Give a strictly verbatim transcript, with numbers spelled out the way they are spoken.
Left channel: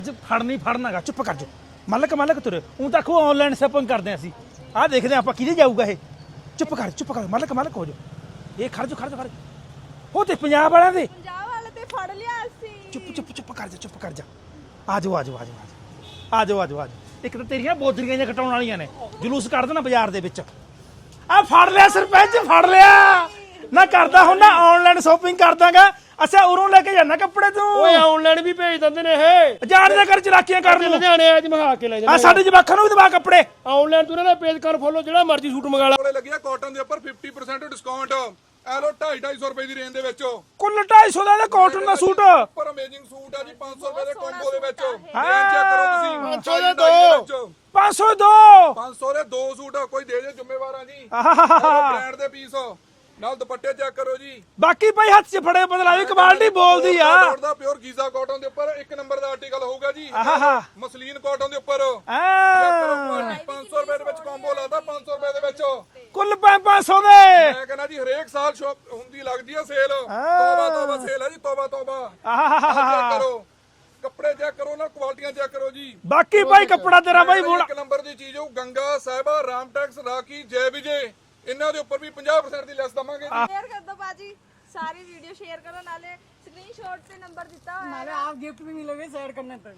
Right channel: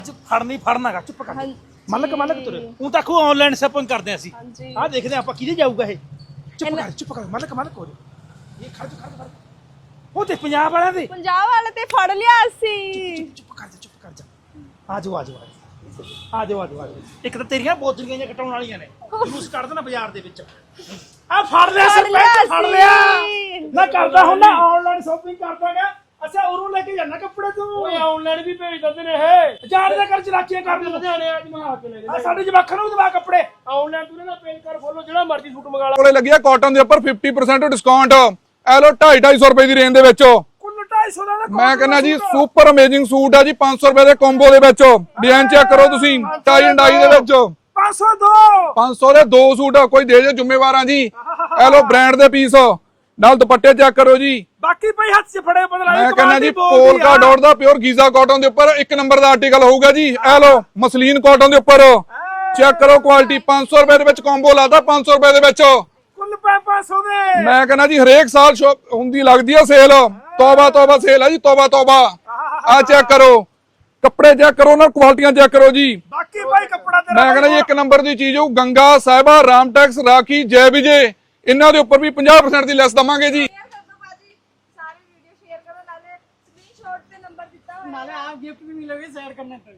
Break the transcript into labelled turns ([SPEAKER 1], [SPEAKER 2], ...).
[SPEAKER 1] ਫੜਨੀ ਫੜਨਾਗਾ ਚੁੱਪ ਕਰ ਮਲਕ ਮਲਕ ਤੁਰੇ ਉਹ ਤਾਂ ਕੋ ਆਨਲਾਈਨ ਸ਼ਾਪਿੰਗ ਕਰਦੇ ਅਸੀਂ ਆਹ ਦੇਖਦੇ ਆਪਾਂ ਕਿਹਦੇ ਜਾਊਗਾ ਇਹ ਚੁੱਪ ਕਰ ਚੁੱਪ ਕਰ ਮਲਕ ਮਲਕ ਹੋ ਜਾ ਇਹ ਖੜ ਜਾ ਖੜ ਜਾ ਉਹ ਤੇ ਪੰਜਾਬ ਵਾਲਿਆਂ ਦੇ
[SPEAKER 2] ਪੰਜਾਬ ਵਾਲੇ ਤੇ ਫੜ ਲਿਆ ਸੀ
[SPEAKER 1] ਚੁੱਪ ਚੁੱਪ ਕਰ ਜਾ ਚੁੱਪ ਕਰ ਜਾ ਆ ਜਾਓ ਆ ਜਾਓ ਆ ਜਾਓ ਆ ਜਾਓ ਆ ਜਾਓ ਆ ਜਾਓ ਇੱਕ ਤਾਂ ਤੇਰੀਆਂ ਬੋਤਰੀਆਂ ਜਾਂ ਕਟਾਉਣ ਵਾਲੀਆਂ ਨੇ ਜਲੂਸ ਕੱਢ ਦੇਣਾ ਬਾਜ਼ਾਰ ਦੇ ਵਿੱਚ ਆ ਫੜ ਲਿਆ ਸਰਪੰਚ ਫੜ ਲਿਆ ਨਾ ਕਰਦਾ ਹੁਣ ਨਾ ਆਨਲਾਈਨ ਸ਼ਾਪਿੰਗ ਕਰਦਾਗਾ ਅੱਛਾ ਉਰੋਂ ਲੈ ਕੇ ਜਾਣਾ ਕੱਪੜੇ ਤੂੰ
[SPEAKER 3] ਓਏ ਆਨਲਾਈਨ ਵੀ ਭੇਜ ਦਿੰਦੇ ਨੇ ਇਹ
[SPEAKER 1] ਜਾਣ ਦੇ ਕਰ ਚਲਾਕੀਆਂ ਕਰ ਨੂੰ
[SPEAKER 3] ਲੁਧਿਆਣੇ ਅੱਜ ਮੰਗਾ ਕੇ ਲੈ
[SPEAKER 1] ਆ
[SPEAKER 3] ਜਾਂਦੇ
[SPEAKER 1] ਸਾਡੇ ਜਵਾਖਾਂ ਨੂੰ ਵੀ ਦਵਾ ਕੱਪੜੇ
[SPEAKER 3] ਆਨਲਾਈਨ ਤੂੰ ਇਹਨਾਂ ਦਾ ਪੇਜ ਕਰ ਫੋਲੋ ਜਿਹੜਾ ਮਰਜ਼ੀ ਸੂਟ ਮੰਗਾ ਲੈ
[SPEAKER 4] ਕੋਲੇ ਲੱਗਿਆ ਕਾਟਨ ਦੇ ਉੱਪਰ ਫਿਫਟੀ ਪਰਸੈਂਟ ਡਿਸਕਾਊਂਟ ਐ ਲੋ ਢਾਈ ਢਾਈ ਸੌ ਰੁਪਏ ਦੀ ਰੇਂਜ ਦੇ ਵਿੱਚ
[SPEAKER 1] ਕੁੱਲ ਢਾਈ ਸੌ ਦਾ ਕੋਟ
[SPEAKER 4] ਮੈਂ ਕਹਿੰਦਾ ਜੀ ਸੁਪਰ ਅਮੇਜ਼ਿੰਗ ਸੂਟ ਆ ਜੀ ਪੰਜ ਸੌ ਰੁਪਏ ਦੇ ਕੰਬੋ ਦੇ ਵਿੱਚ ਡਿਜ਼ਾਈਨ ਚੈੱਕ ਕਰੋ ਤੁਸੀਂ ਟਾਈ ਐਂਡ ਡਾਈ ਦੇ ਵਿੱਚ
[SPEAKER 1] ਪੰਜ ਸੌ ਦੋ
[SPEAKER 4] ਪੰਜ ਸੌ ਦੇ ਦੋ ਸੂਟ ਕੋਈ ਦੇ ਜੇ ਜ਼ਿੰਮੇਵਾਰਾਂ ਜੀ ਐ ਲੋ ਬ੍ਰਾਂਡ ਦੇ ਪੀਸ ਨਾਲ ਦੁਪੱਟੇ ਚੈੱਕ ਕਰੋ ਜੀ
[SPEAKER 1] ਬਾਕੀ ਭਾਈ ਹੱਥ 'ਚ ਫੜੇ ਬਦਲਾਈ
[SPEAKER 4] ਮੈਂ ਕਹਿੰਦਾ
[SPEAKER 1] ਕਮਾਲ
[SPEAKER 4] ਜੀ
[SPEAKER 1] ਦੀ ਬੋਲਦੀ
[SPEAKER 4] ਪੋਲਕਾ
[SPEAKER 1] ਆ
[SPEAKER 4] ਡਾਟ ਦਾ ਪਿਓਰ ਗੀਜ਼ਾ ਕਾਟਨ ਦੇ ਉੱਪਰ ਇੱਕ ਨੰਬਰ ਦਾ ਆਰਟੀਕਲ ਹੋਊਗਾ ਜੀ ਐ ਲੋ ਮਸਲੀਨ ਕਾਟਨ ਦੇ ਉੱਪਰ ਚੈੱਕ ਕਰੋ ਕੁਆਲਿਟੀ ਪੰਜ ਸੌ ਰੁਪਏ ਦੇ ਵਿੱਚ ਕੰਬੋ ਲਾਦਾ ਪੰਜ ਸੌ ਰੁਪਏ ਦੇ ਵਿੱਚ
[SPEAKER 1] ਕੁੱਲ ਪੰਜ ਸੌ ਦੇ
[SPEAKER 4] ਮੈਂ ਕਹਿੰਦਾ ਜੀ ਹਰੇਕ ਸਾਲ ਸ਼ੌਪ ਹੁੰਦੀ ਲੱਗਦੀ ਆ ਸੇਲ ਤੋਬਾ ਤੋਬਾ ਸੇਲ ਆ ਜੀ ਤੋਬਾ ਤੋਬਾ ਆ ਚੈੱਕ ਕਰੋ ਕੱਪੜੇ ਚੈੱਕ ਕਰੋ ਨਾ ਕੁਆਲਿਟੀਆਂ ਚੈੱਕ ਕਰੋ ਜੀ
[SPEAKER 1] ਬਾਕੀ ਭਾਈ ਕੱਪੜਾ ਤੇਰਾ
[SPEAKER 4] ਮੈਂ ਕਹਿੰਦਾ ਜੀ ਇੱਕ ਨੰਬਰ ਦੀ ਚੀਜ਼ ਹੋਊ ਗੰਗਾ ਸਾਹਿਬਾ ਰਾਮਟੈਕਸ ਰਾਖੀ ਜੈ ਵਿਜੇ ਇਹਨਾਂ ਦੇ ਉੱਪਰ ਵੀ ਪੰਜਾਹ ਪਰਸੈਂਟ ਦੀ ਲੈਸ ਦਵਾਂਗੇ ਜੀ
[SPEAKER 2] ਸ਼ੇਅਰ ਕਰ ਦੋ ਬਾਜੀ ਸਾਰੀ ਵੀਡੀਓ ਸ਼ੇਅਰ ਕਰੋ ਨਾਲੇ ਸਕਰੀਨਸ਼ਾਟ ਤੇ ਨੰਬਰ ਦਿੱਤਾ ਹੋਇਆ
[SPEAKER 3] ਨਾਲੇ ਆਪ ਗਿਫਟ ਵੀ ਮਿਲੋਗੇ ਸ਼ੇਅਰ ਕਰਨੇ ਤੇ